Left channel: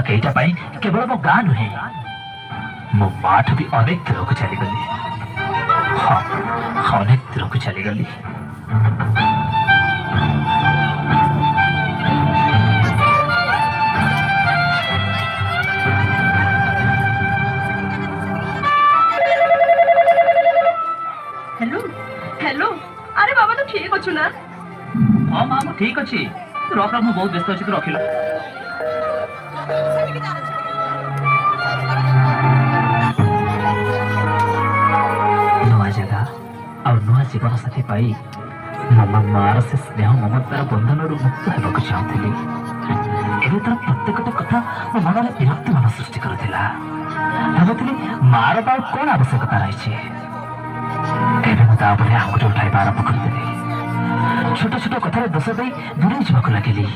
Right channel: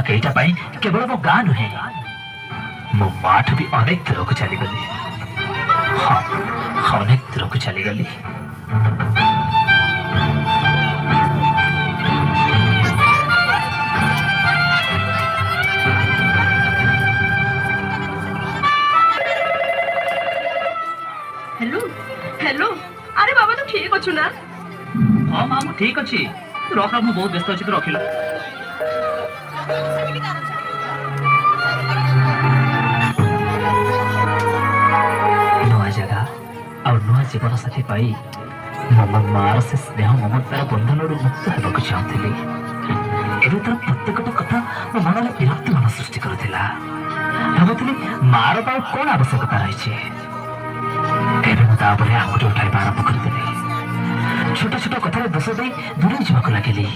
कईटा पाई केवल मो गाँ नुहे मो माठ भी अनेक दूर को चलीगली। हाँ अनेक दूर को चलीगली। हेलो हेलो अरे बाबा तो ठीक अच्छु ना? हाँ माँ मैं ठीक अच्छी रख रख बहुत व्यस्त अच्छी तो रखिला। नुआ जगह और नुआ जीवन साथी पाई मो मार से स्नेह ममतार बंधन मुक्त होगा चाहूली। एवं तार प्रत्येकटा कथा मो मन में विरक्ति मन सृष्टि करुला। भावुली मार पार कौन आवश्यकता रही आंगुठी उठाई आरंभ करदेली। छोट छोट कथार दोष दे दूरे जावाक लगिली।